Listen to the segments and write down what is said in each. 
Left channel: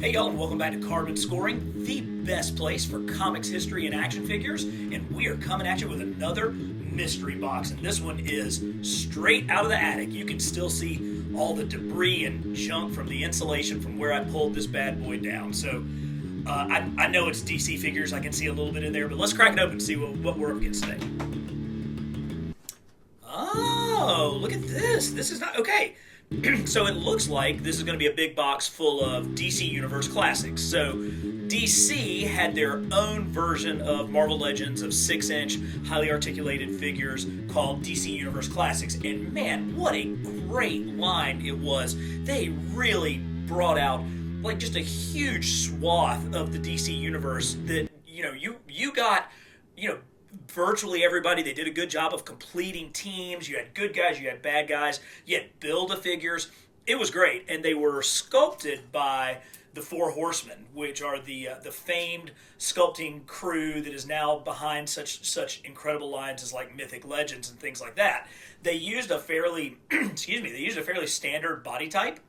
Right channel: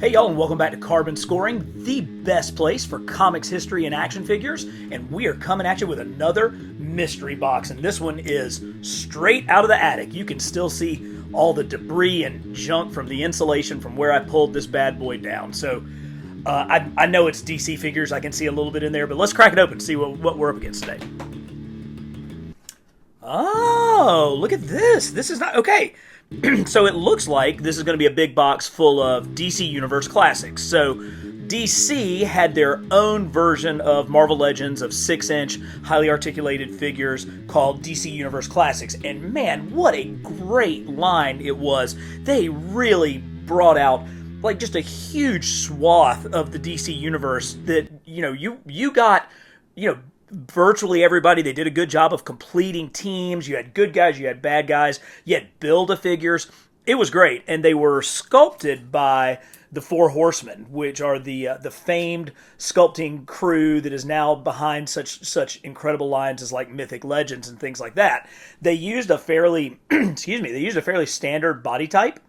Hey y'all, and welcome back to Carbon Scoring, the best place for comics history and action figures, and we are coming at you with another mystery box, and this one is straight out of the attic. You can still see all the debris and junk from the insulation from where I pulled this bad boy down. So I know it's DC figures, I can see a little bit in there, but let's crack it open and see what we're up against today. Oh, look at this. This is not... Okay. So it looks like this is going to be a big box full of DC Universe classics. So DC had their own version of Marvel Legends of 6-inch highly articulated figures called DC Universe Classics. And man, what a great line it was. They really brought out like just a huge swath of the DC Universe that, you got, virtually everybody. They did a good job of completing teams. You had good guys, you had bad guys, you had Build-A-Figures. It was great, and they were sculpted by the Four Horsemen, which are the famed sculpting crew that is now behind such incredible lines as like Mythic Legends and things like that. They used a fairly standard body type,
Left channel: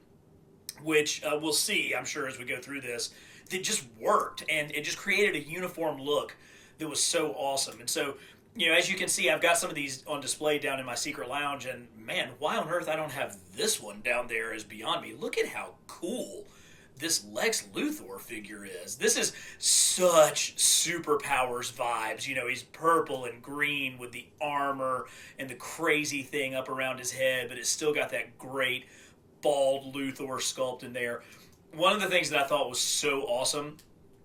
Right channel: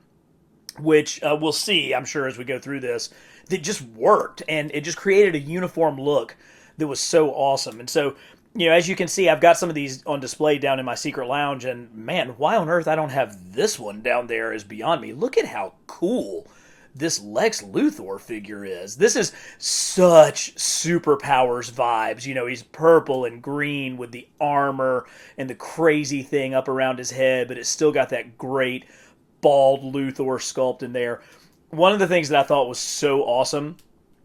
which we'll see, I'm sure, as we go through this, that just worked, and it just created a uniform look that was so awesome. And so, as you can see, I've got some of these on display down in my secret lounge, and man, why on earth I don't have this one down there is beyond me. Look at how cool this Lex Luthor figure is. This is such superpowers vibes. He's purple and green with the armor and the crazy thing up around his head, but it's still got that great bald Luthor sculpt in there. One of the things that I thought was so awesome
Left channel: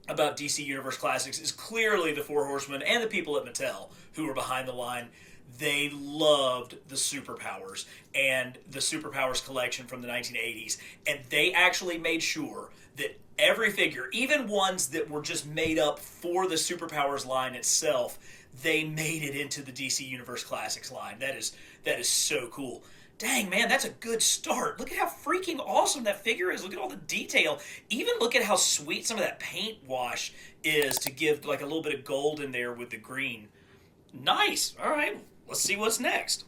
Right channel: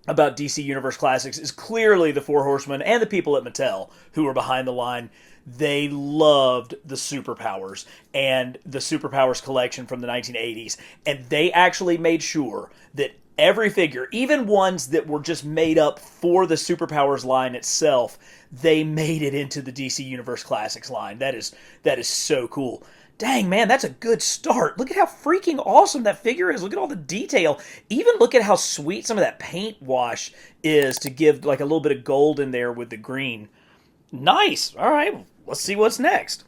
about DC Universe Classics is clearly the Four Horsemen and the people at Mattel who were behind the line. They loved the superpowers and the superpowers collection from the 1980s. And they actually made sure that every figure, even ones that were just made up for the superpowers line itself, they made it into the DC Universe Classics line. That is so cool. Dang, man, that's a good start. Look at how freaking awesome that figure is. Look at all the detail. Even look at how sweet some of that paint wash is to give like a little bit of gold in there with the green. Nice. All right, let's see what's next.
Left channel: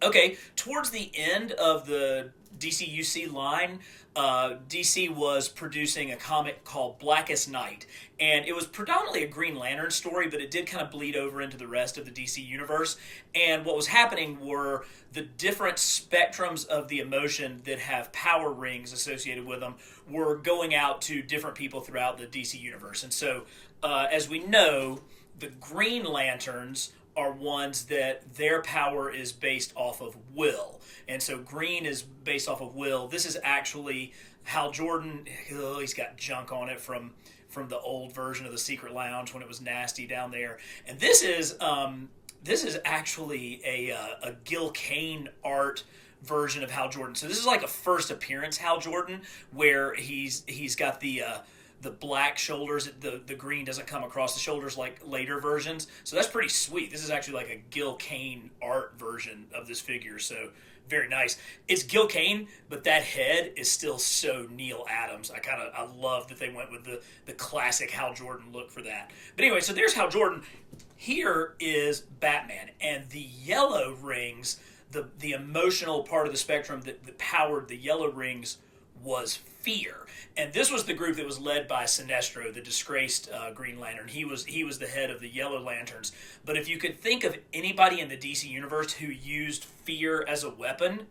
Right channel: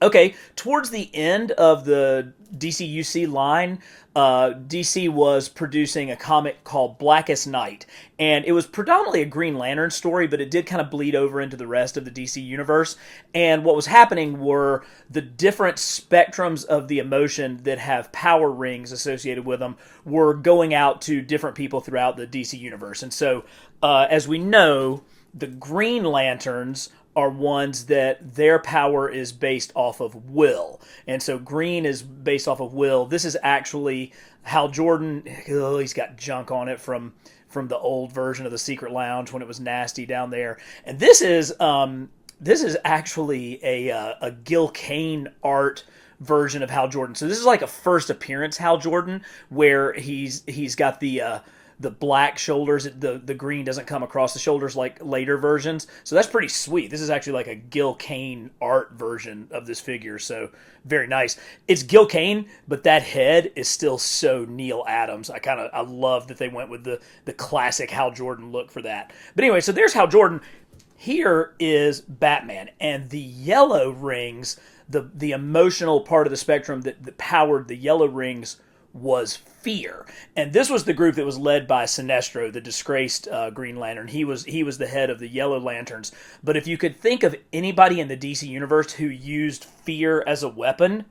Okay, towards the end of the DCUC line, DC was producing a comic called Blackest Night, and it was predominantly a Green Lantern story, but it did kind of bleed over into the rest of the DC universe. And what was happening were the different spectrums of the emotion that have power rings associated with them were going out to different people throughout the DC universe. And so, as we know, the Green Lanterns are ones that their power is based off of will. And so green is based off of will. This is actually Hal Jordan. Oh, he's got junk on it from the old version of the Secret Lounge when it was nasty down there. And this is actually a Gil Kane art version of Hal Jordan. So this is like a first appearance Hal Jordan where he's got the black shoulders. The green doesn't come across the shoulders like later versions. So that's pretty sweet. This is actually like a Gil Kane art version of this figure. So very nice. It's Gil Kane, but that head is still so Neil Adams. I love that they went with the classic Hal Jordan look for that. But anyway, so there's Hal Jordan. Here is Batman, and the yellow rings, the emotional part of the spectrum that powered the yellow rings was fear. And this was the group that was led by Sinestro, the disgraced Green Lantern. He was the head of the Yellow Lanterns. But if you could think of anybody in the DC universe who used fear as a weapon,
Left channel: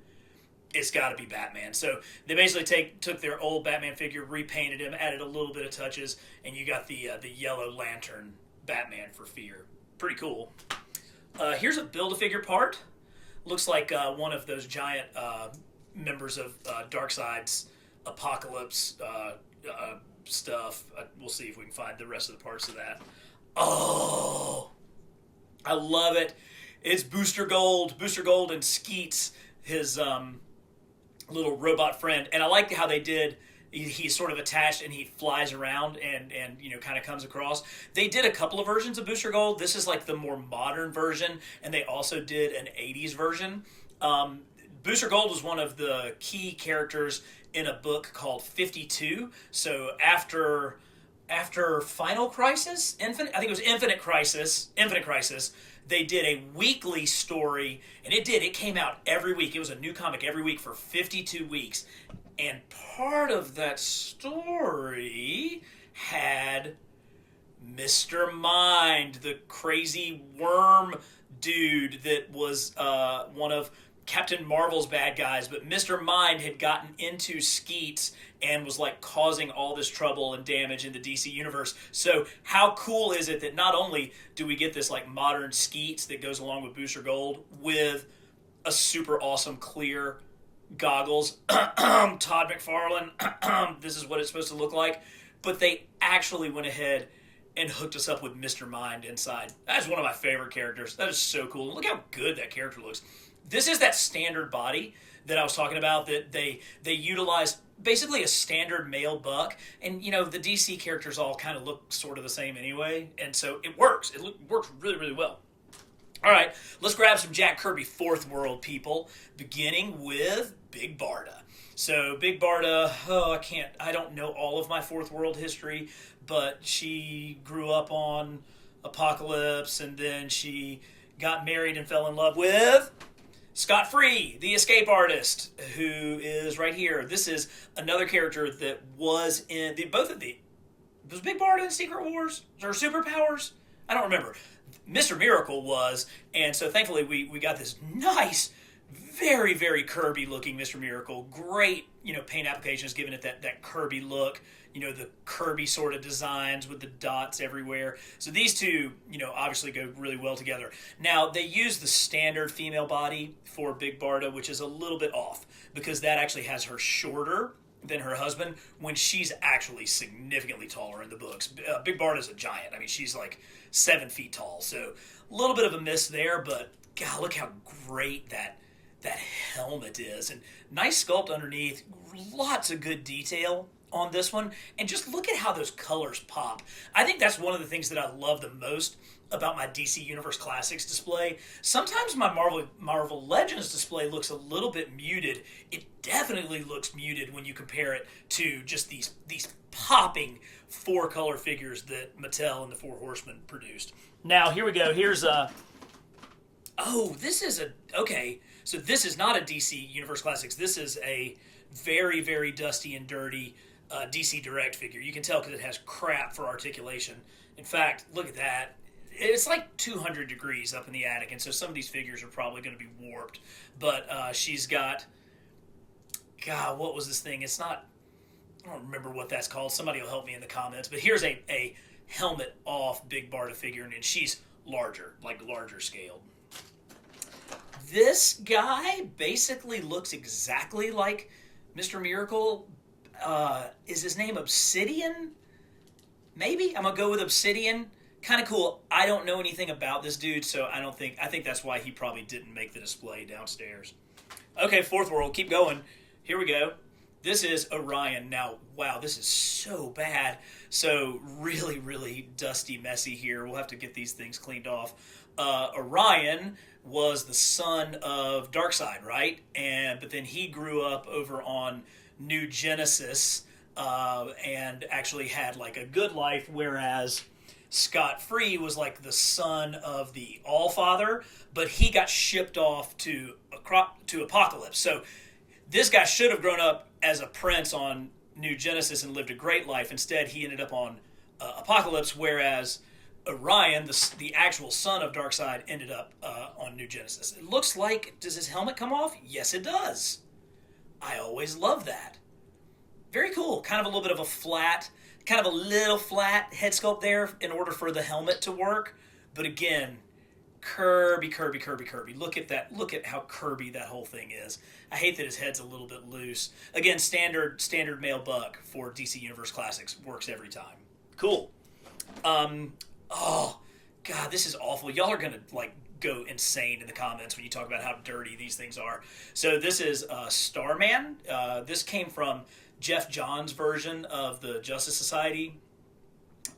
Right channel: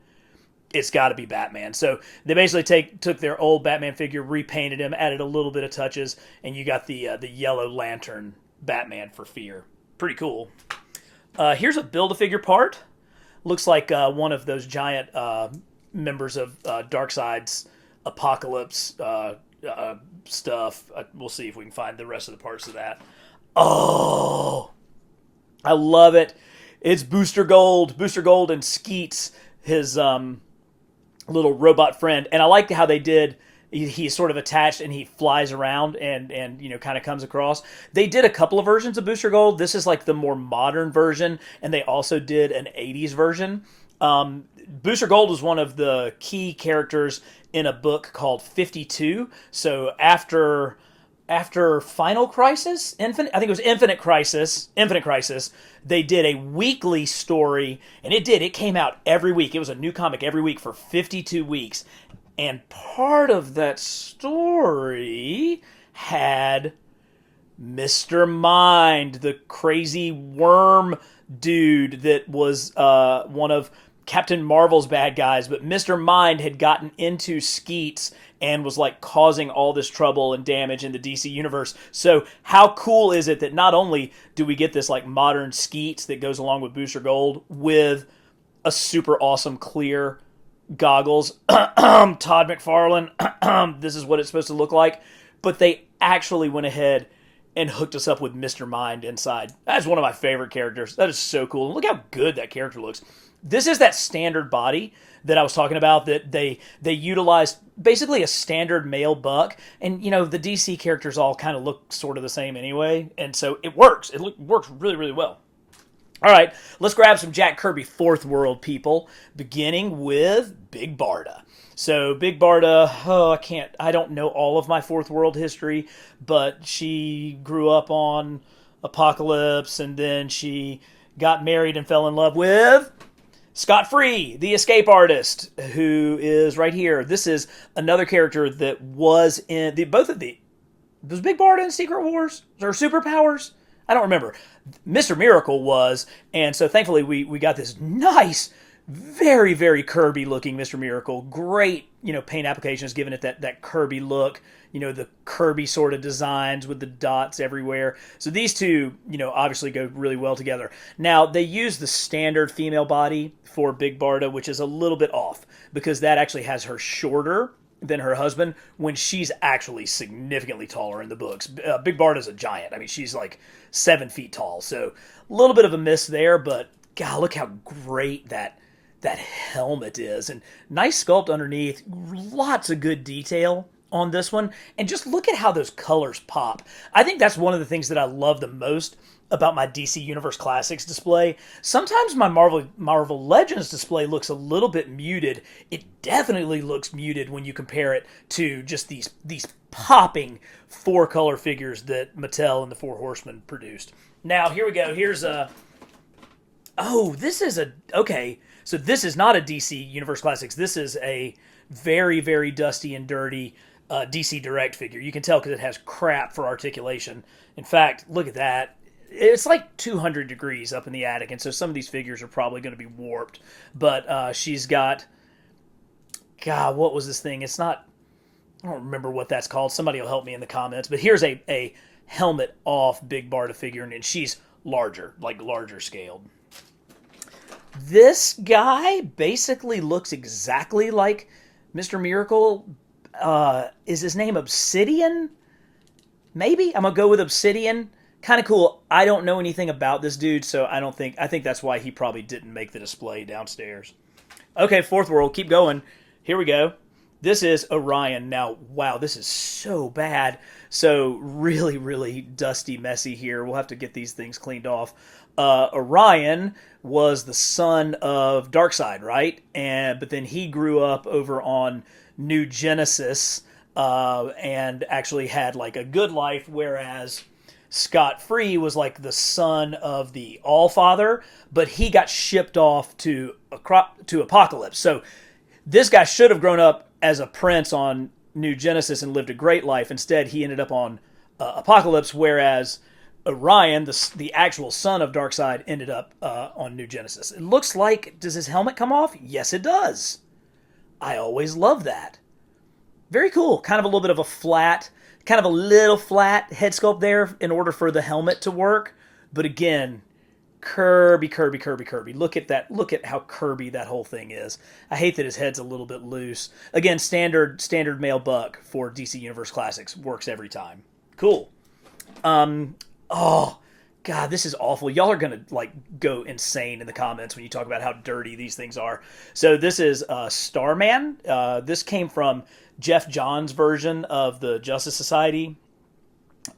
it's got to be Batman. So they basically took their old Batman figure, repainted him, added a little bit of touches, and you got the Yellow Lantern Batman for fear. Pretty cool. Here's a Build-A-Figure part. Looks like one of those giant members of Darkseid's Apocalypse stuff. We'll see if we can find the rest of the parts of that. Oh, I love it. It's Booster Gold and Skeets, his little robot friend. And I like how they did, he's sort of attached and he flies around and kind of comes across. They did a couple of versions of Booster Gold. This is like the more modern version, and they also did an 80s version. Booster Gold was one of the key characters in a book called 52. So after Final Crisis, I think it was Infinite Crisis, they did a weekly story, and it came out every week. It was a new comic every week for 52 weeks. And part of that story had Mr. Mind, the crazy worm dude that was one of Captain Marvel's bad guys, but Mr. Mind had gotten into Skeets and was like causing all this trouble and damage in the DC universe. So how cool is it that not only do we get this like modern Skeets that goes along with Booster Gold with a super awesome clear goggles, Todd McFarlane, this is what it's supposed to look like, but they actually went ahead and hooked us up with Mr. Mind inside. That is one of my favorite characters. That is so cool. Look how good that character looks. This is that standard body that I was talking about, that they utilized basically a standard male buck. And, you know, the DC characters all kind of look sort of the same anyway. And so it works. It works really, really well. All right, let's grab some Jack Kirby Fourth World people, beginning with Big Barda. So Big Barda, I don't know all of my Fourth World history, but she grew up on Apocalypse, and then she got married and fell in love with Scott Free, the escape artist, who is right here. This is another character that was in was Big Barda in Secret Wars or Superpowers? I don't remember. Mr. Miracle was, and so thankfully we got this nice, very, very Kirby looking Mr. Miracle. Great, paint applications, giving it that Kirby look, the Kirby sort of designs with the dots everywhere. So these two, obviously go really well together. Now, they use the standard female body for Big Barda, which is a little bit off because that actually has her shorter than her husband when she's actually significantly taller in the books. Big Barda's a giant. I mean, she's like 7 feet tall. So a little bit of a miss there, but God, look how great that helmet is. And nice sculpt underneath. Lots of good detail on this one. And just look at how those colors pop. I think that's one of the things that I love the most about my DC Universe Classics display. Sometimes my Marvel Legends display looks a little bit muted. It definitely looks muted when you compare it to just these popping 4-color figures that Mattel and the Four Horsemen produced. Now, here we go. Here's okay. So this is not a DC Universe Classics. This is a very, very dusty and dirty DC Direct figure. You can tell because it has crap for articulation. In fact, look at that. It's like 200 degrees up in the attic, and so some of these figures are probably going to be warped. But she's got... God, what was this thing? It's not... I don't remember what that's called. Somebody will help me in the comments. But here's a helmet off Big Barda figure, and she's larger, like larger scaled. This guy basically looks exactly like Mr. Miracle. Is his name Obsidian? Maybe? I'm going to go with Obsidian. Kind of cool. I don't know anything about this dude, so I think that's why he probably didn't make the display downstairs. Okay, Fourth World, keep going. Here we go. This is Orion. Now, wow, this is so bad. So really, really dusty, messy here. We'll have to get these things cleaned off. Orion was the son of Darkseid, right? But then he grew up over on New Genesis and actually had like a good life, whereas Scott Free was like the son of the Allfather, but he got shipped off to Apocalypse. So this guy should have grown up as a prince on New Genesis and lived a great life. Instead, he ended up on Apocalypse, whereas Orion, the actual son of Darkseid, ended up on New Genesis. It looks like, does his helmet come off? Yes, it does. I always love that. Very cool. Kind of a little bit of a flat head sculpt there in order for the helmet to work. But again, Kirby. Look at that. Look at how Kirby that whole thing is. I hate that his head's a little bit loose. Again, standard male buck for DC Universe Classics. Works every time. Cool. Oh, God, this is awful. Y'all are going to go insane in the comments when you talk about how dirty these things are. So this is Starman. This came from Jeff Johns' version of the Justice Society.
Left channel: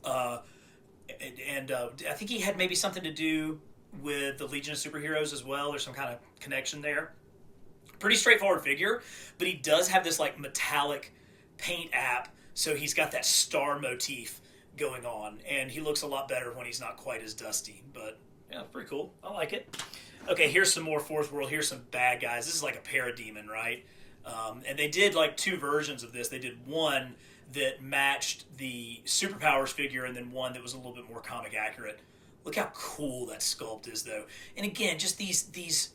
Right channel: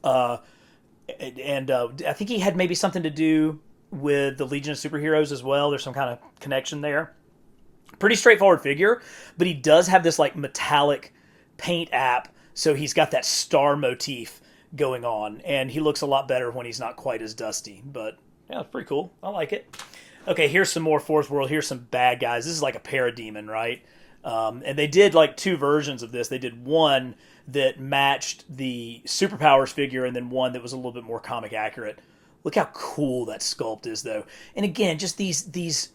And I think he had maybe something to do with the Legion of Superheroes as well. There's some kind of connection there. Pretty straightforward figure, but he does have this metallic paint app, so he's got that star motif going on, and he looks a lot better when he's not quite as dusty. But yeah, it's pretty cool. I like it. Okay, here's some more Fourth World. Here's some bad guys. This is like a parademon, right? And they did like 2 versions of this. They did one that matched the Superpowers figure, and then one that was a little bit more comic accurate. Look how cool that sculpt is, though. And again, just these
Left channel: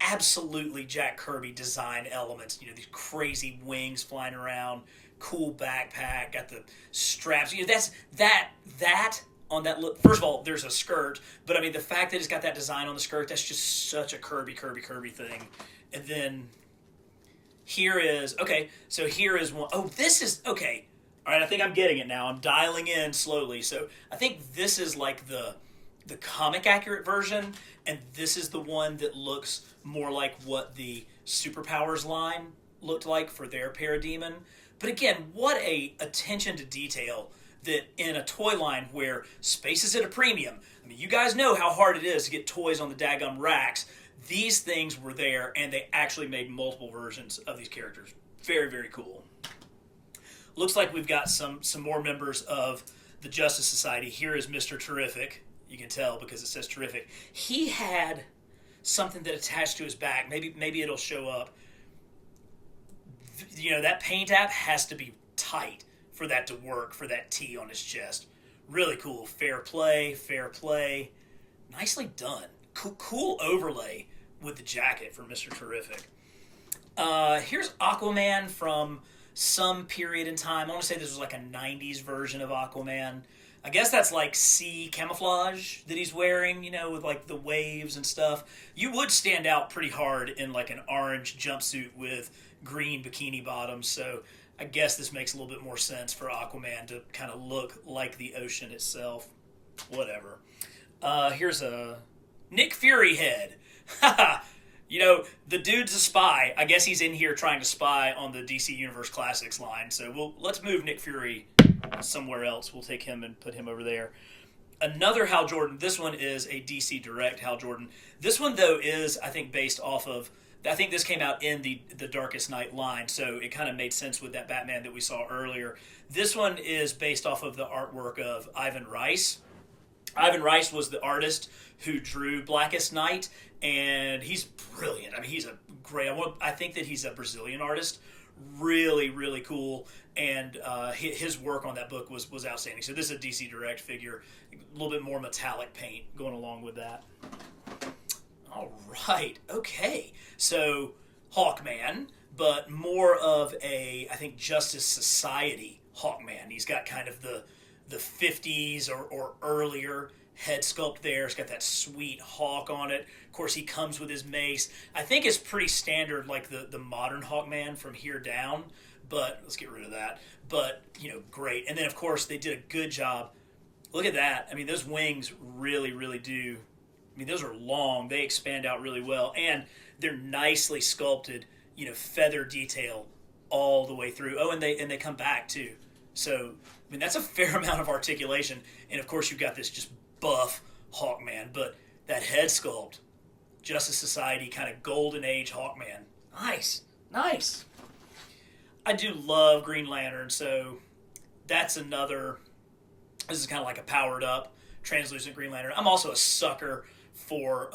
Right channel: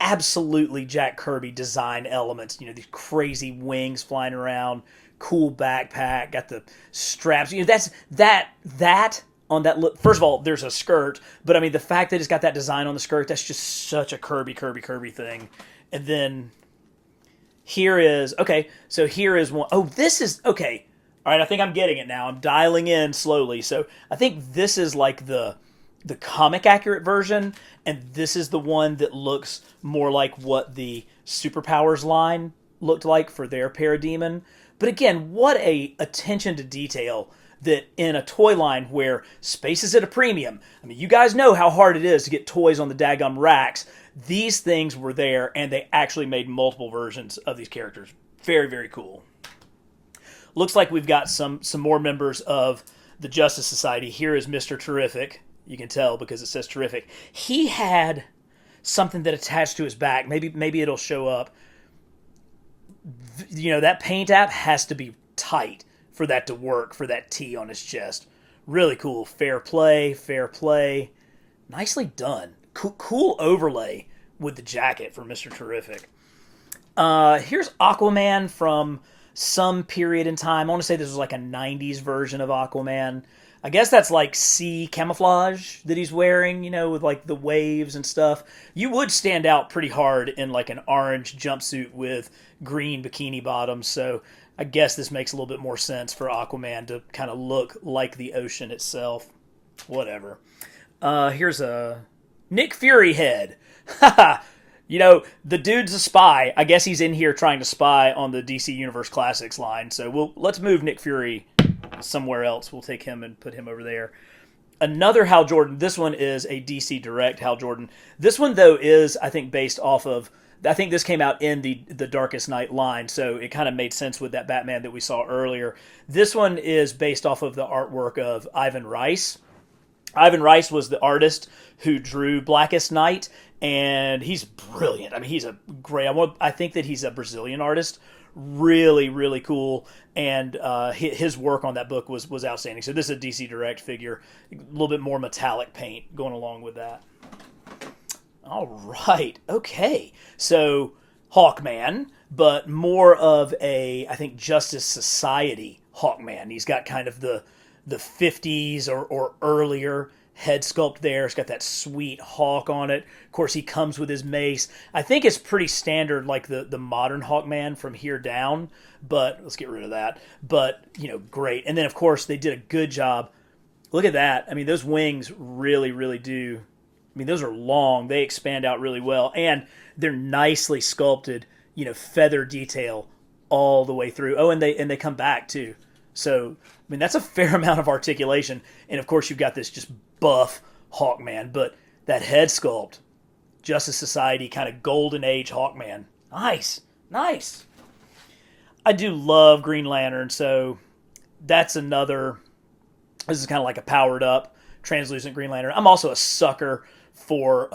absolutely Jack Kirby design elements. You know, these crazy wings flying around, cool backpack, got the straps. You know, that's that on that look. First of all, there's a skirt, but I mean the fact that it's got that design on the skirt, that's just such a Kirby thing. And then here is okay. So here is one. Oh, this is okay. All right, I think I'm getting it now. I'm dialing in slowly. So I think this is like the comic accurate version, and this is the one that looks more like what the Superpowers line looked like for their Parademon. But again, what a attention to detail that in a toy line where space is at a premium. I mean, you guys know how hard it is to get toys on the daggum racks. These things were there, and they actually made multiple versions of these characters. Very, very cool. Looks like we've got some more members of the Justice Society. Here is Mr. Terrific. You can tell because it says Terrific. He had something that attached to his back. Maybe it'll show up. You know, that paint app has to be tight for that to work, for that T on his chest. Really cool. Fair play. Nicely done. Cool overlay with the jacket for Mr. Terrific. Here's Aquaman from some period in time. I want to say this was like a 90s version of Aquaman. I guess that's like sea camouflage that he's wearing, you know, with like the waves and stuff. You would stand out pretty hard in like an orange jumpsuit with green bikini bottoms, so I guess this makes a little bit more sense for Aquaman to kind of look like the ocean itself. Whatever. Here's a Nick Fury head. You know, the dude's a spy. I guess he's in here trying to spy on the DC Universe Classics line. So let's move Nick Fury somewhere else. We'll take him and put him over there. Another Hal Jordan. This one is a DC Direct Hal Jordan. This one, though, is, I think, based off of... I think this came out in the Darkest Night line, so it kind of made sense with that Batman that we saw earlier. This one is based off of the artwork of Ivan Rice. Ivan Rice was the artist who drew Blackest Night, and he's brilliant. I mean, he's a great... I think that he's a Brazilian artist. Really, really cool. And his work on that book was outstanding. So this is a DC Direct figure. A little bit more metallic paint going along with that. All right. Okay. So Hawkman, but more of a, I think, Justice Society Hawkman. He's got kind of the 50s or earlier head sculpt there. It's got that sweet hawk on it. Of course, he comes with his mace. I think it's pretty standard like the modern Hawkman from here down, but let's get rid of that. But, you know, great. And then, of course, they did a good job. Look at that. I mean, those wings really, really do. I mean, those are long. They expand out really well. And they're nicely sculpted, you know, feather detail all the way through. Oh, and they come back, too. So, I mean, that's a fair amount of articulation. And, of course, you've got this just buff Hawkman. But that head sculpt, Justice Society, kind of golden age Hawkman. Nice. I do love Green Lantern, so that's another... This is kind of like a powered up translucent Green Lantern. I'm also a sucker for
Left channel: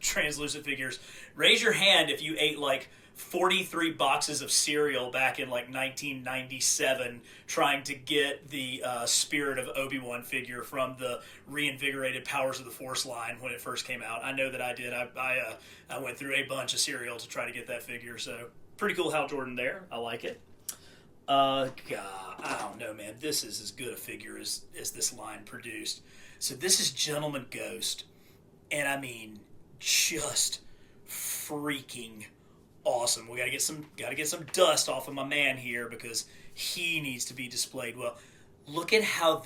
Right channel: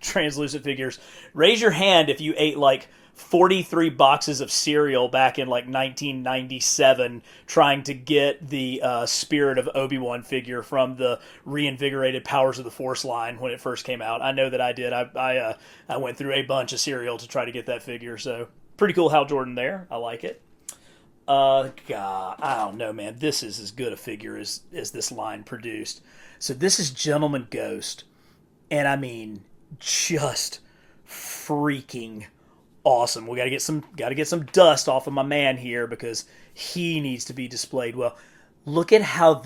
translucent figures. Raise your hand if you ate like 43 boxes of cereal back in like 1997 trying to get the Spirit of Obi-Wan figure from the reinvigorated Powers of the Force line when it first came out. I know that I did. I went through a bunch of cereal to try to get that figure, so pretty cool Hal Jordan there. I like it. God, I don't know, man. This is as good a figure as this line produced. So this is Gentleman Ghost. And I mean, just freaking awesome. We got to get some dust off of my man here because he needs to be displayed well. Look at how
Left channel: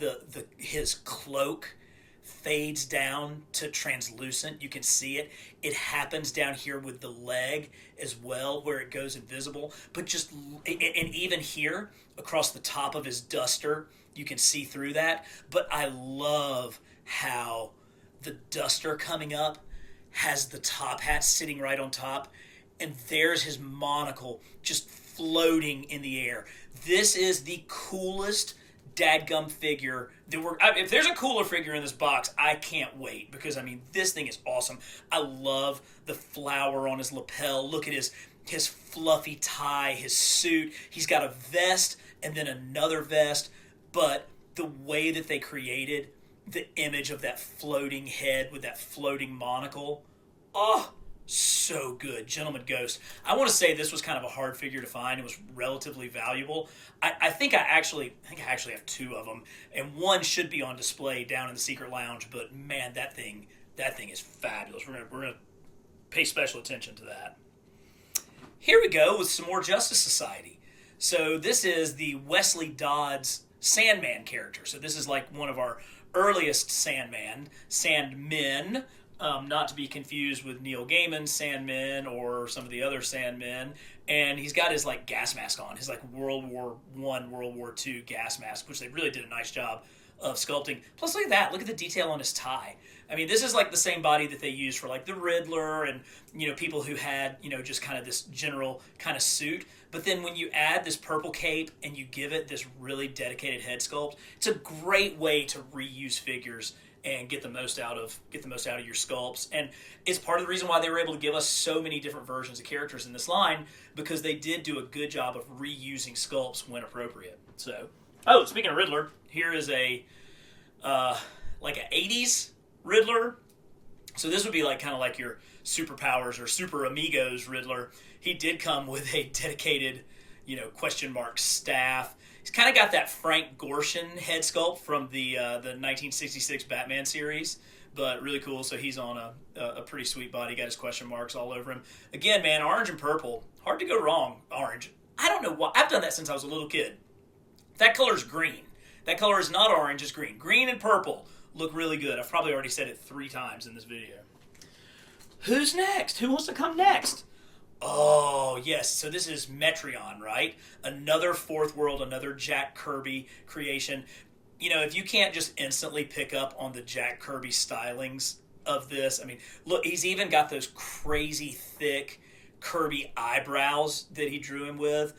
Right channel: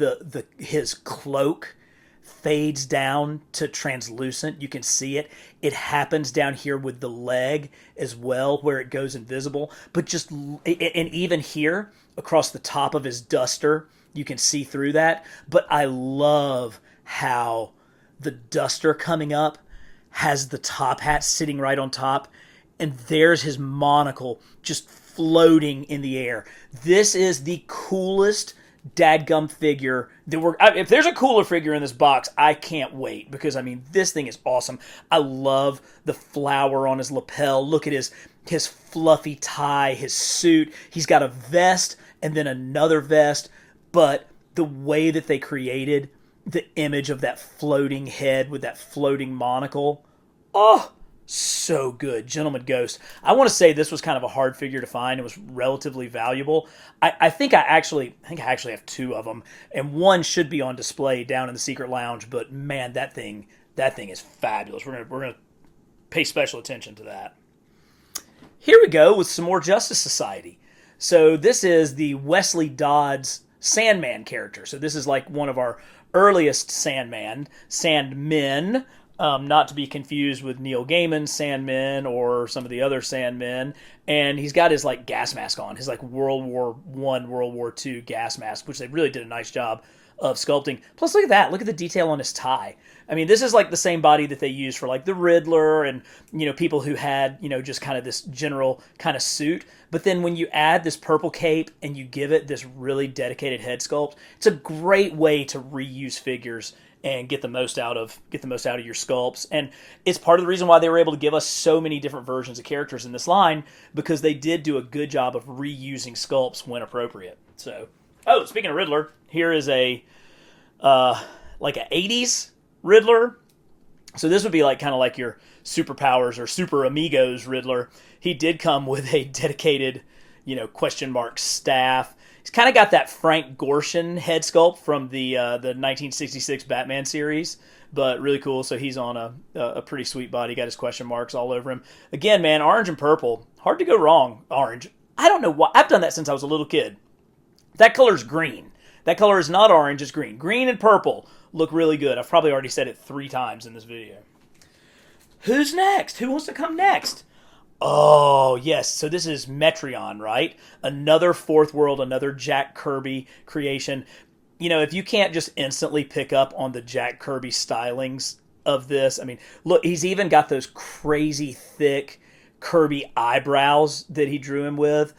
his cloak fades down to translucent. You can see it. It happens down here with the leg as well, where it goes invisible. But just, and even here across the top of his duster, you can see through that. But I love how the duster coming up has the top hat sitting right on top, and there's his monocle just floating in the air. This is the coolest dadgum figure that if there's a cooler figure in this box, I can't wait, because I mean, this thing is awesome. I love the flower on his lapel. Look at his fluffy tie, his suit. He's got a vest and then another vest, but the way that they created the image of that floating head with that floating monocle, oh, so good. Gentleman Ghost. I want to say this was kind of a hard figure to find. It was relatively valuable. I think I actually have two of them, and one should be on display down in the secret lounge. But man, that thing is fabulous. We're gonna pay special attention to that. Here we go with some more Justice Society. So this is the Wesley Dodds Sandman character. So this is like one of our earliest Sandmen, not to be confused with Neil Gaiman's Sandman or some of the other Sandmen. And he's got his like gas mask on, his like World War I, World War II gas mask, which they really did a nice job of sculpting. Plus, look at that. Look at the detail on his tie. I mean, this is like the same body that they used for like the Riddler and, people who had, just kind of this general kind of suit. But then when you add this purple cape and you give it this really dedicated head sculpt, it's a great way to reuse figures and get the most out of your sculpts. And it's part of the reason why they were able to give us so many different versions of characters in this line, because they did do a good job of reusing sculpts when appropriate. So, speaking of Riddler, here is a like an 80s Riddler. So this would be like kind of like your Superpowers or Super Amigos Riddler. He did come with a dedicated, question mark staff. He's kind of got that Frank Gorshin head sculpt from the 1966 Batman series, but really cool. So he's on a pretty sweet body. Got his question marks all over him. Again, man, orange and purple. Hard to go wrong. Orange. I don't know why. I've done that since I was a little kid. That color's green. That color is not orange, it's green. Green and purple look really good. I've probably already said it 3 times in this video. Who's next? Who wants to come next? Oh, yes. So this is Metreon, right? Another Fourth World, another Jack Kirby creation. If you can't just instantly pick up on the Jack Kirby stylings of this, I mean, look, he's even got those crazy thick Kirby eyebrows that he drew him with.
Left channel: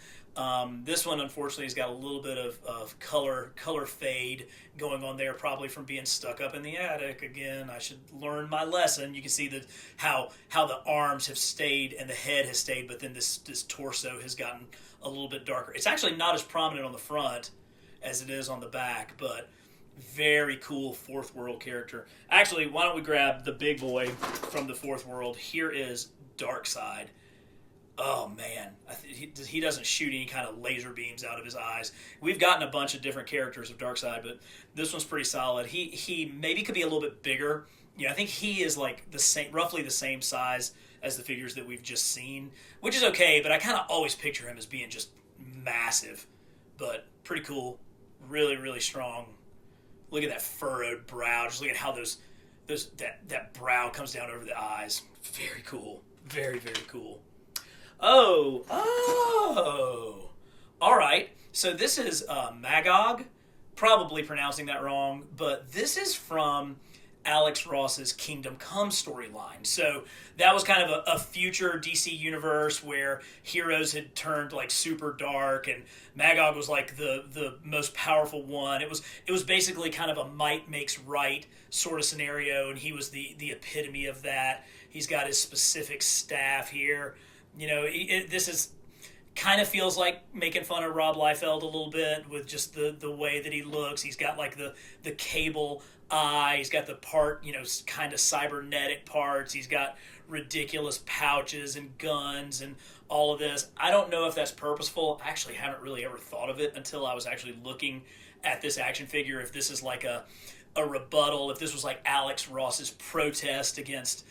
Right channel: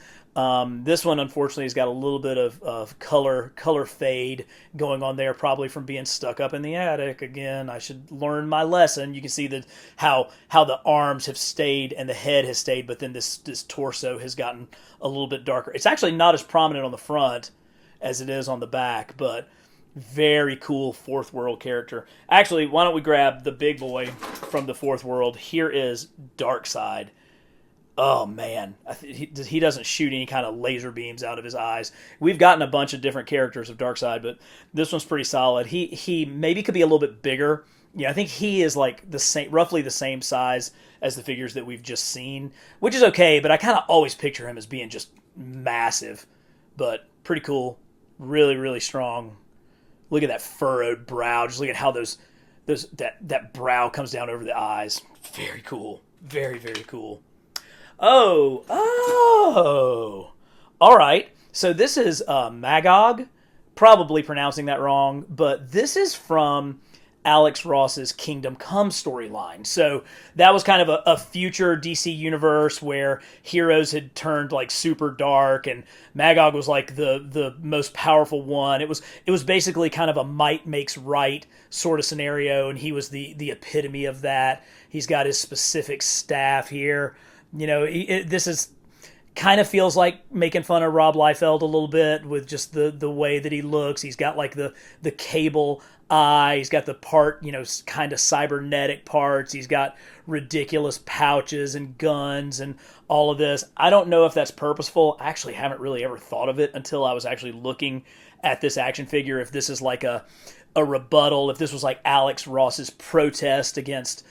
This one, unfortunately, has got a little bit of color fade going on there, probably from being stuck up in the attic. Again, I should learn my lesson. You can see how the arms have stayed and the head has stayed, but then this torso has gotten a little bit darker. It's actually not as prominent on the front as it is on the back, but very cool Fourth World character. Actually, why don't we grab the big boy from the Fourth World? Here is Darkseid. Oh, man. He doesn't shoot any kind of laser beams out of his eyes. We've gotten a bunch of different characters of Darkseid, but this one's pretty solid. He maybe could be a little bit bigger. I think he is like roughly the same size as the figures that we've just seen, which is okay, but I kind of always picture him as being just massive. But pretty cool. Really, really strong. Look at that furrowed brow. Just look at how that brow comes down over the eyes. Very cool. Very, very cool. Oh. All right. So this is Magog. Probably pronouncing that wrong, but this is from Alex Ross's Kingdom Come storyline. So that was kind of a future DC universe where heroes had turned like super dark, and Magog was like the most powerful one. It was basically kind of a might makes right sort of scenario, and he was the epitome of that. He's got his specific staff here. This is kind of feels like making fun of Rob Liefeld a little bit with just the way that he looks. He's got like the cable eye. He's got the part, kind of cybernetic parts. He's got ridiculous pouches and guns and all of this. I don't know if that's purposeful. I actually haven't really ever thought of it until I was actually looking at this action figure. If this is like a rebuttal, if this was like Alex Ross's protest against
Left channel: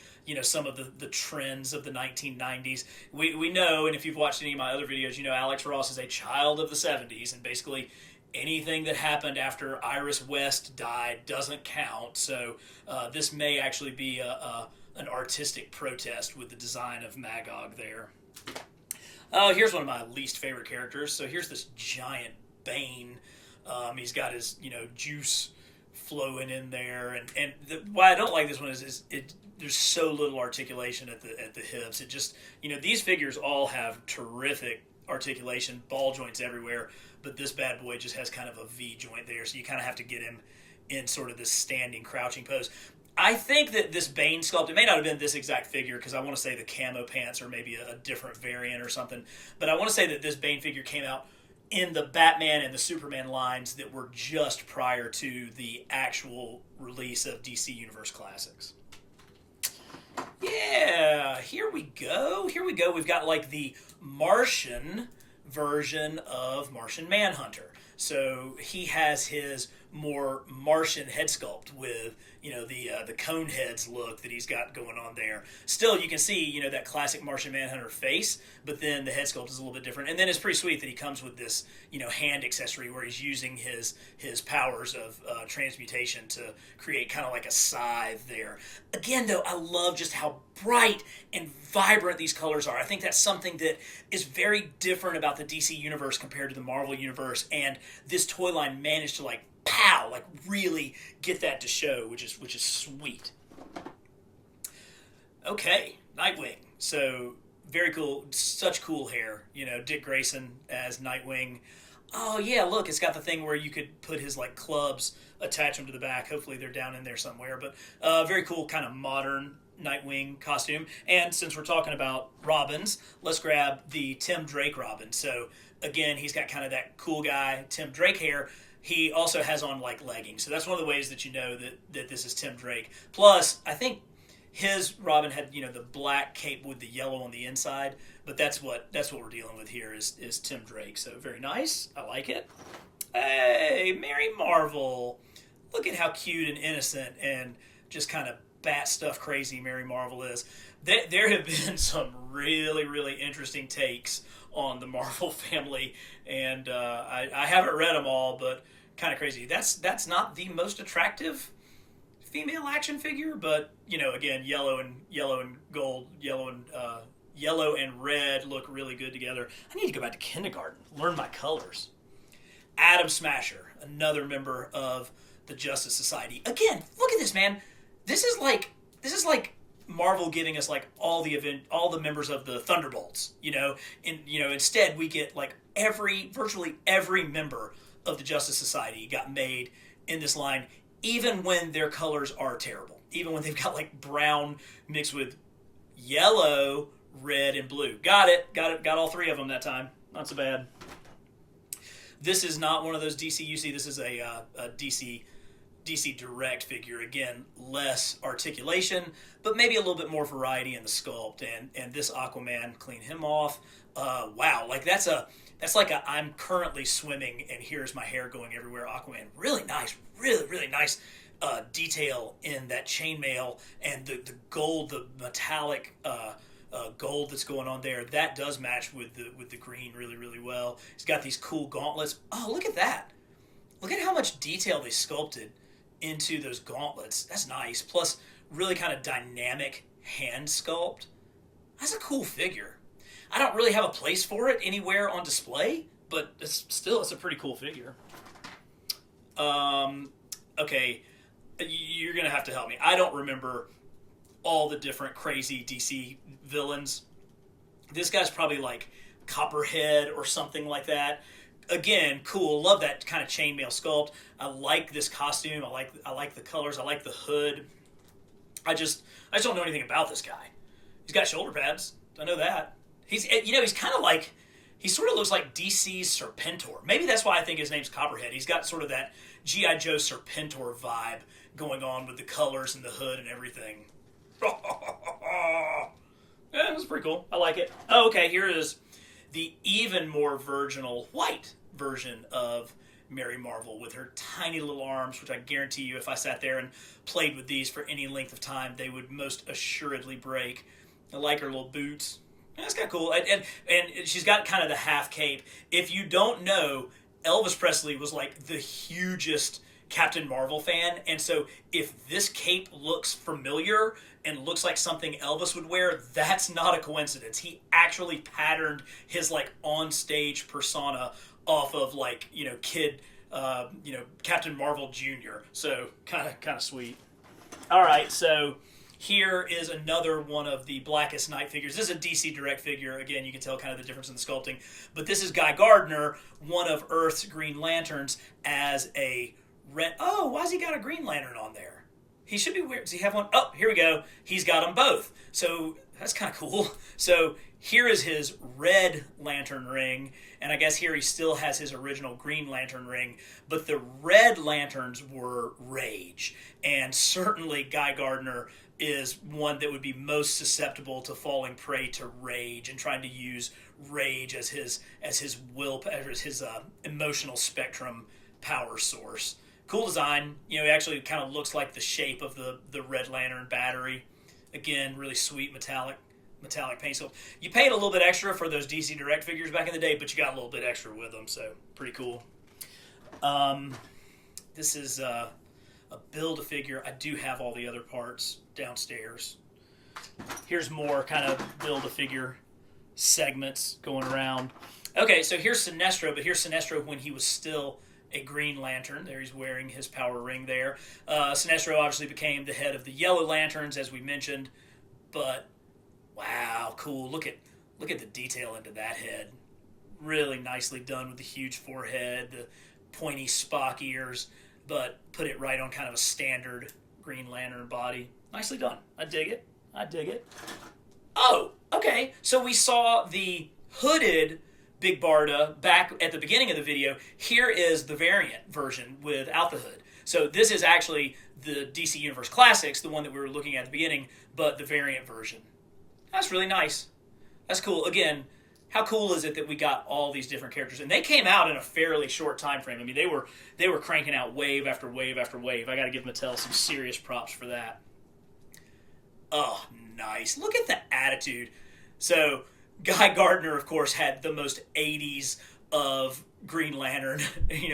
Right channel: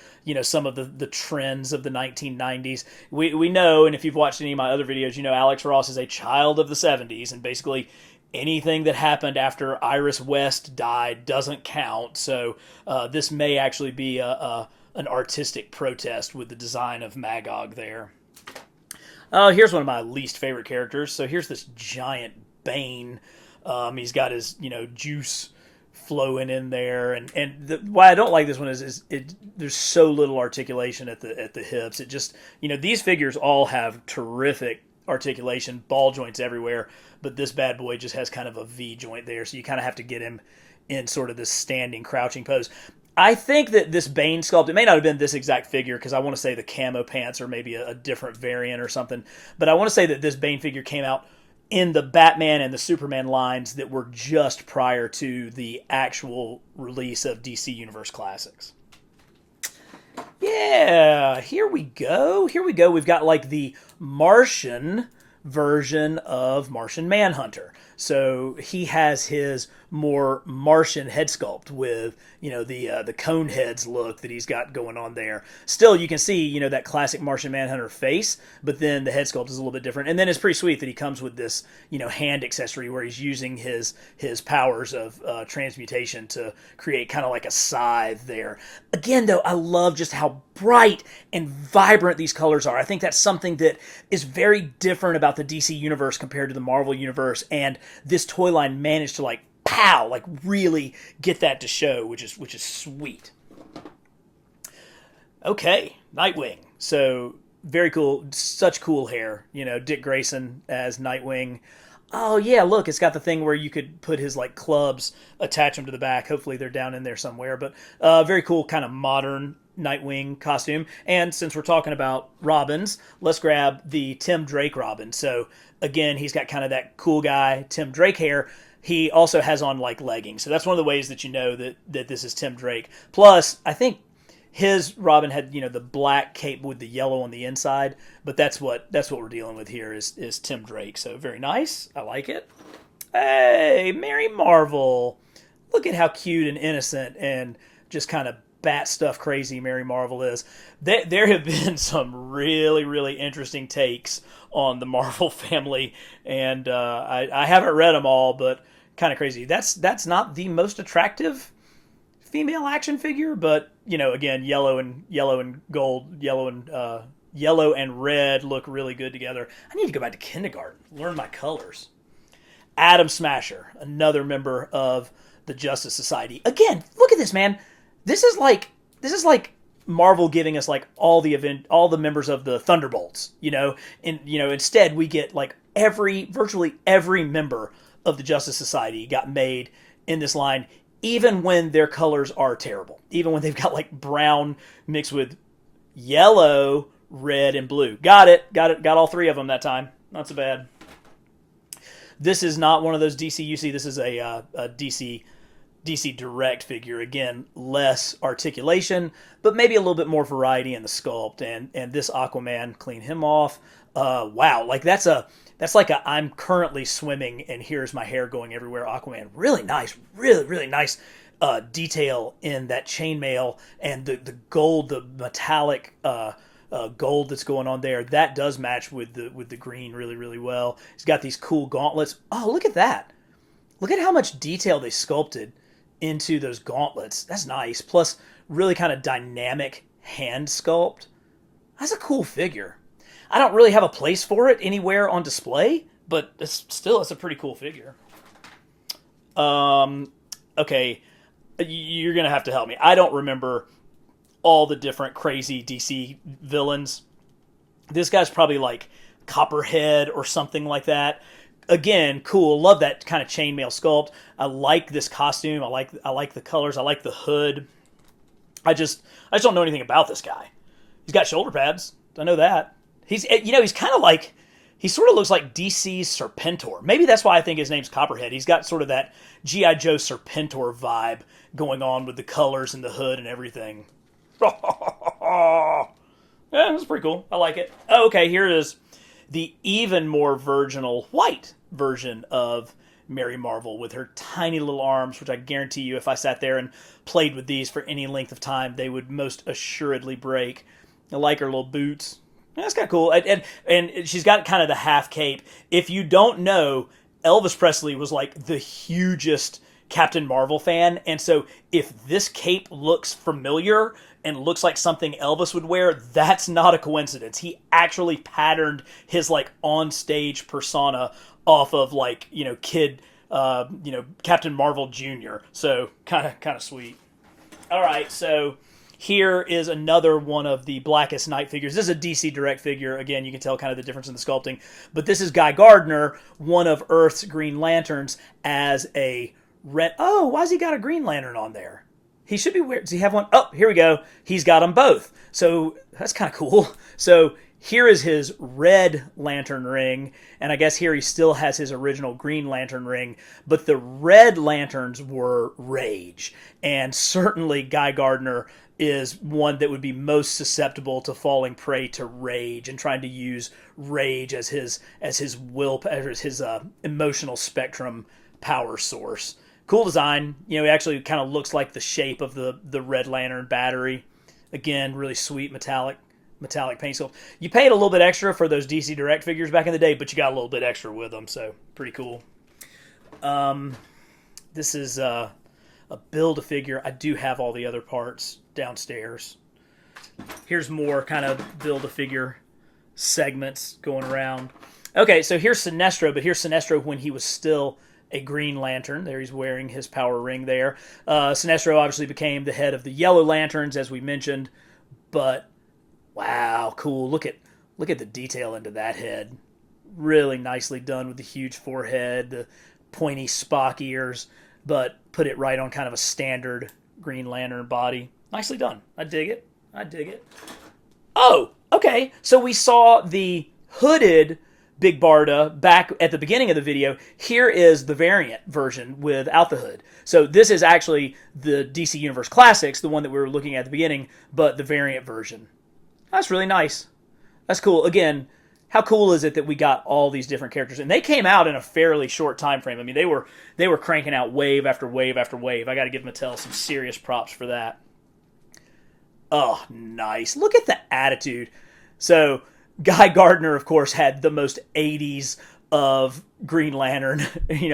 some of the trends of the 1990s. We know, and if you've watched any of my other videos, Alex Ross is a child of the 70s, and basically anything that happened after Iris West died doesn't count. So this may actually be an artistic protest with the design of Magog there. Here's one of my least favorite characters. So here's this giant Bane. He's got his juice flowing in there, and why I don't like this one is there's so little articulation at the hips. It just these figures all have terrific articulation, ball joints everywhere, but this bad boy just has kind of a V joint there, so you kind of have to get him in sort of this standing crouching pose. I think that this Bane sculpt, it may not have been this exact figure because I want to say the camo pants are maybe a different variant or something, but I want to say that this Bane figure came out in the Batman and the Superman lines that were just prior to the actual release of DC Universe Classics. Yeah, here we go. Here we go. We've got like the Martian version of Martian Manhunter. So he has his more Martian head sculpt with, you know, the cone heads look that he's got going on there. Still, you can see, you know, that classic Martian Manhunter face, but then the head sculpt is a little bit different. And then it's pretty sweet that he comes with this, you know, hand accessory where he's using his powers of transmutation to create kind of like a scythe there. Again, though, I love just how bright and vibrant these colors are. I think that's something that is very different about the DC universe compared to the Marvel universe, and this toy line managed to like really get that to show, which is sweet. Okay, Nightwing. So very cool, such cool hair. You know, Dick Grayson as Nightwing. Oh yeah, look, it's got the thing where you could put his like clubs, attach them to the back. Hopefully they're down in there somewhere. But very cool, kind of modern Nightwing costume. And since we're talking about Robins, let's grab the Tim Drake Robin. So again, he's got kind of that cool guy Tim Drake hair. He also has on like leggings. So that's one of the ways that you know that this is Tim Drake. Plus, I think his Robin had, you know, the black cape with the yellow on the inside, but that's what we're dealing with here is Tim Drake. So very nice. I like it. Hey, Mary Marvel. Look at how cute and innocent and just kind of bat stuff crazy Mary Marvel is. There have been some really, really interesting takes on the Marvel family, and I haven't read them all, but kind of crazy. That's not the most attractive female action figure, but you know, again, yellow and gold, yellow and red look really good together. I need to go back to kindergarten, learn my colors. Atom Smasher, another member of the Justice Society. Again, look at this, man. This is like Marvel giving us like all the members of the Thunderbolts, you know, and you know, instead we get like virtually every member of the Justice Society got made in this line, even when their colors are terrible, even when they've got like brown mixed with yellow, red, and blue. Got all three of them that time. Not so bad. This is not one of those DCUC. This is a DC Direct figure. Again, less articulation, but maybe a little bit more variety in the sculpt. And this Aquaman, clean him off. Wow, like that's like a I'm currently swimming and here's my hair going everywhere Aquaman. Really nice, really nice detail in that chainmail and the gold, the metallic gold that's going on there. That does match with the green really well. He's got these cool gauntlets. Oh, look at that. Look at how much detail they sculpted into those gauntlets. That's nice. Plus, really kind of dynamic hand sculpt. That's a cool figure. I don't really have a place for it anywhere on display, but it's a pretty cool figure. Okay, you're going to have to help me. I don't remember all the different crazy DC villains. This guy's probably like Copperhead or something like that. Again, cool. Love that kind of chainmail sculpt. I like this costume. I like the colors. I like the hood. I just don't know anything about this guy. He's got shoulder pads. I know that. He's kind of like, he sort of looks like DC's Serpentor. Maybe that's why I think his name's Copperhead. He's got sort of that G.I. Joe Serpentor vibe going on with the colors and the hood and everything. Yeah, that's pretty cool. I like it. Oh, okay, here is the even more virginal white version of Mary Marvel with her tiny little arms, which I guarantee you if I sat there and played with these for any length of time, they would most assuredly break. I like her little boots. Yeah, that's kind of cool. And she's got kind of the half cape. If you don't know, Elvis Presley was like the hugest Captain Marvel fan. And so if this cape looks familiar and looks like something Elvis would wear, that's not a coincidence. He actually patterned his like on-stage persona off of like, you know, Captain Marvel Jr. So kind of sweet. All right, so here is another one of the Blackest Night figures. This is a DC Direct figure. Again, you can tell kind of the difference in the sculpting. But this is Guy Gardner, one of Earth's Green Lanterns, as a red... Oh, why's he got a Green Lantern on there? He should be wearing... Does he have one? Oh, here we go. He's got them both. So that's kind of cool. So here is his red lantern ring, and I guess here he still has his original green lantern ring, but the red lanterns were rage, and certainly Guy Gardner is one that would be most susceptible to falling prey to rage and trying to use rage as his will, as his emotional spectrum power source. Cool design. You know, it actually kind of looks like the shape of the Red Lantern battery. Again, really sweet metallic paint sculpt. You paid a little bit extra for those DC Direct figures back in the day, but you got a little bit extra with them, so pretty cool. This is a Build-A-Figure. I do have all the other parts downstairs. Here's more kind of Build-A-Figure segments going around. Okay, so here's Sinestro, but here's Sinestro when he was still a Green Lantern. There he's wearing his power ring there. Sinestro obviously became the head of the Yellow Lanterns, as we mentioned, but wow, cool. Look at the detail into that head. Really nicely done with the huge forehead, the pointy Spock ears, but put it right on kind of a standard Green Lantern body. Nicely done. I dig it. Oh, okay. So we saw the hooded Big Barda back at the beginning of the video. Here is the variant version without the hood. So this is actually the DC Universe Classics, the one that we were looking at the beginning, but the variant version. That's really nice. That's cool. Again, how cool is it that we got all these different characters? And they came out in a fairly short time frame. I mean, they were cranking out wave after wave after wave. I got to give Mattel some serious props for that. Oh, nice. Look at the attitude. So Guy Gardner, of course, had the most 80s of Green Lantern,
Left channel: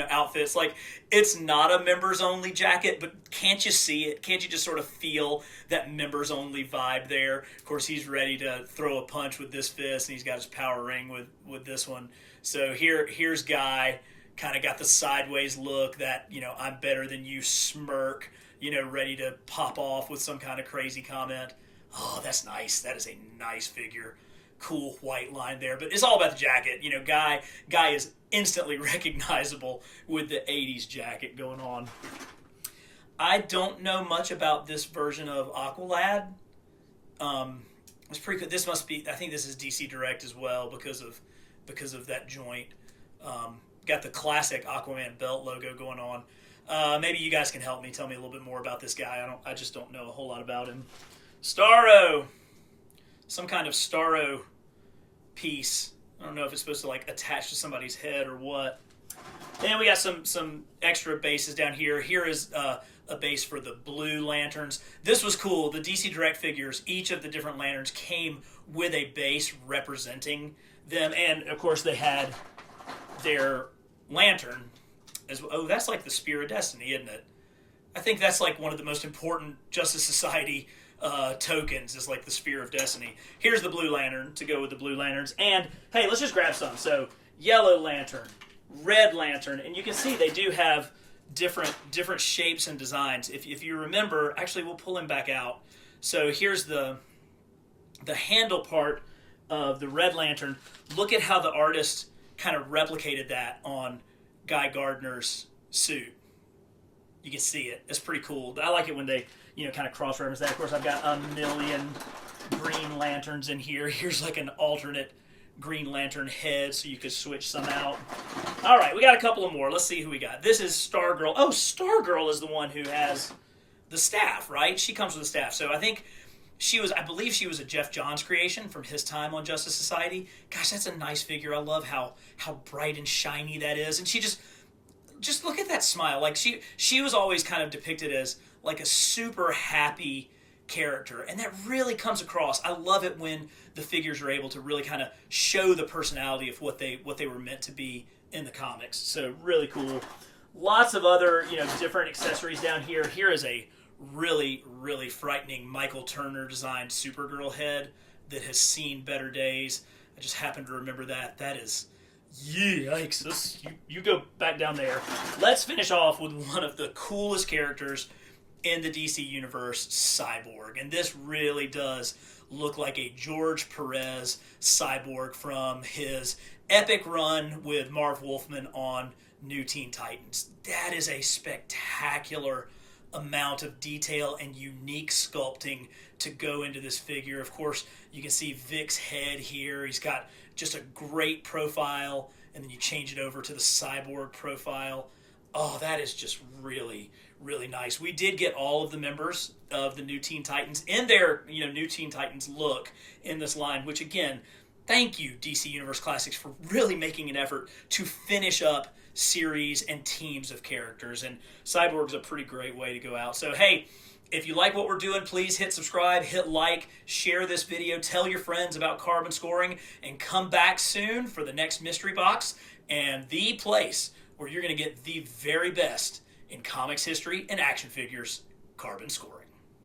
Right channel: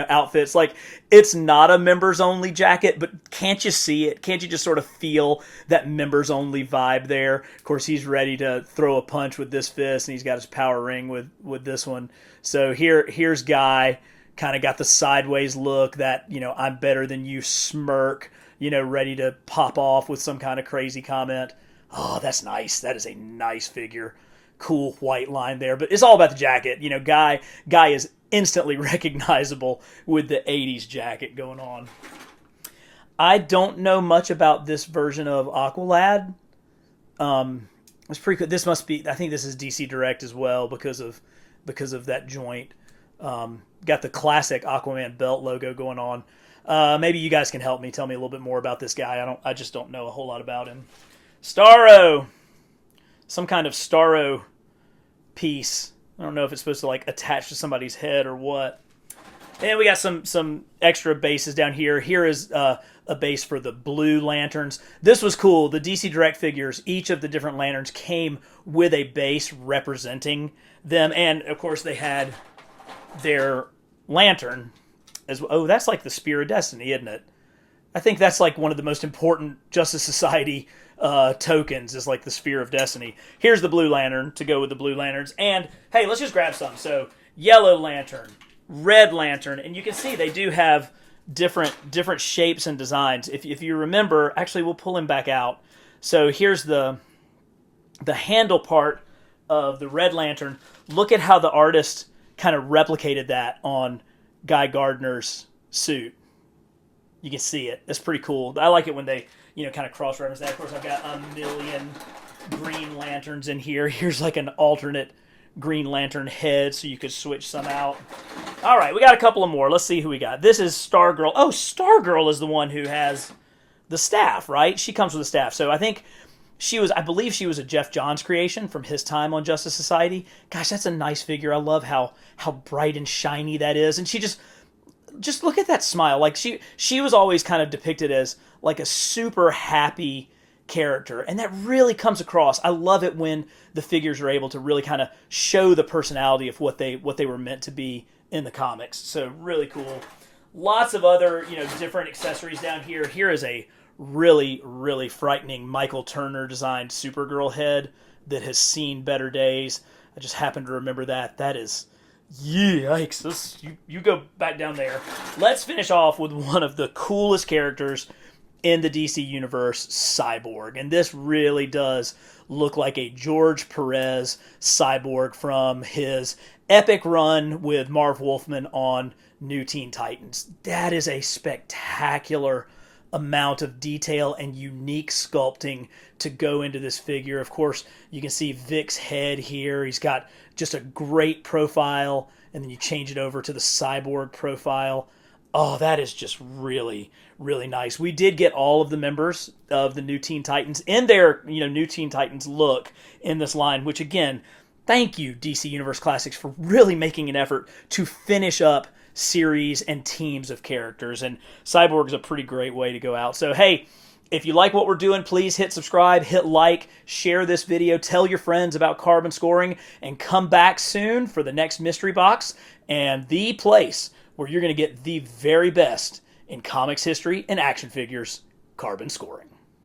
outfits. Like, it's not a members-only jacket, but can't you see it? Can't you just sort of feel that members-only vibe there? Of course, he's ready to throw a punch with this fist, and he's got his power ring with this one. So here's Guy, kind of got the sideways look, that, I'm better than you smirk, ready to pop off with some kind of crazy comment. Oh, that's nice. That is a nice figure. Cool white line there, but it's all about the jacket. Guy is instantly recognizable with the 80s jacket going on. I don't know much about this version of Aqualad. It's pretty cool. This must be, I think this is DC Direct as well because of that joint. Got the classic Aquaman belt logo going on. Maybe you guys can help me, tell me a little bit more about this guy. I just don't know a whole lot about him. Starro, some kind of Starro piece. I don't know if it's supposed to attach to somebody's head or what. And we got some extra bases down here. Here is a base for the Blue Lanterns. This was cool. The DC Direct figures, each of the different lanterns came with a base representing them, and of course they had their lantern as well. Oh, that's like the Spear of Destiny, isn't it? I think that's one of the most important Justice Society tokens, is the Sphere of Destiny. Here's the Blue Lantern to go with the Blue Lanterns. And, hey, let's just grab some. So, Yellow Lantern, Red Lantern, and you can see they do have different shapes and designs. If you remember, actually, we'll pull him back out. So, here's the handle part of the Red Lantern. Look at how the artist kind of replicated that on Guy Gardner's suit. You can see it. It's pretty cool. I like it when they kind of cross-reference that. Of course, I've got a million Green Lanterns in here. Here's an alternate Green Lantern head, so you could switch some out. All right, we got a couple of more. Let's see who we got. This is Stargirl. Oh, Stargirl is the one who has the staff, right? She comes with the staff. So I believe she was a Jeff Johns creation from his time on Justice Society. Gosh, that's a nice figure. I love how bright and shiny that is. And she just look at that smile. She was always kind of depicted as a super happy character, and that really comes across. I love it when the figures are able to really kind of show the personality of what they were meant to be in the comics. So really cool. Lots of other different accessories down here. Here is a really, really frightening Michael Turner designed Supergirl head that has seen better days. I just happen to remember that. That is... Yikes. You go back down there. Let's finish off with one of the coolest characters in the DC Universe, Cyborg. And this really does look like a George Perez Cyborg from his epic run with Marv Wolfman on New Teen Titans. That is a spectacular amount of detail and unique sculpting to go into this figure. Of course, you can see Vic's head here. He's got just a great profile, and then you change it over to the Cyborg profile. Oh, that is just really, really nice. We did get all of the members of the new Teen Titans in their, new Teen Titans look in this line, which again, thank you, DC Universe Classics, for really making an effort to finish up series and teams of characters. And Cyborg is a pretty great way to go out. So, hey, if you like what we're doing, please hit subscribe, hit like, share this video, tell your friends about carbon scoring, and come back soon for the next mystery box and the place where you're going to get the very best in comics history and action figures, carbon scoring.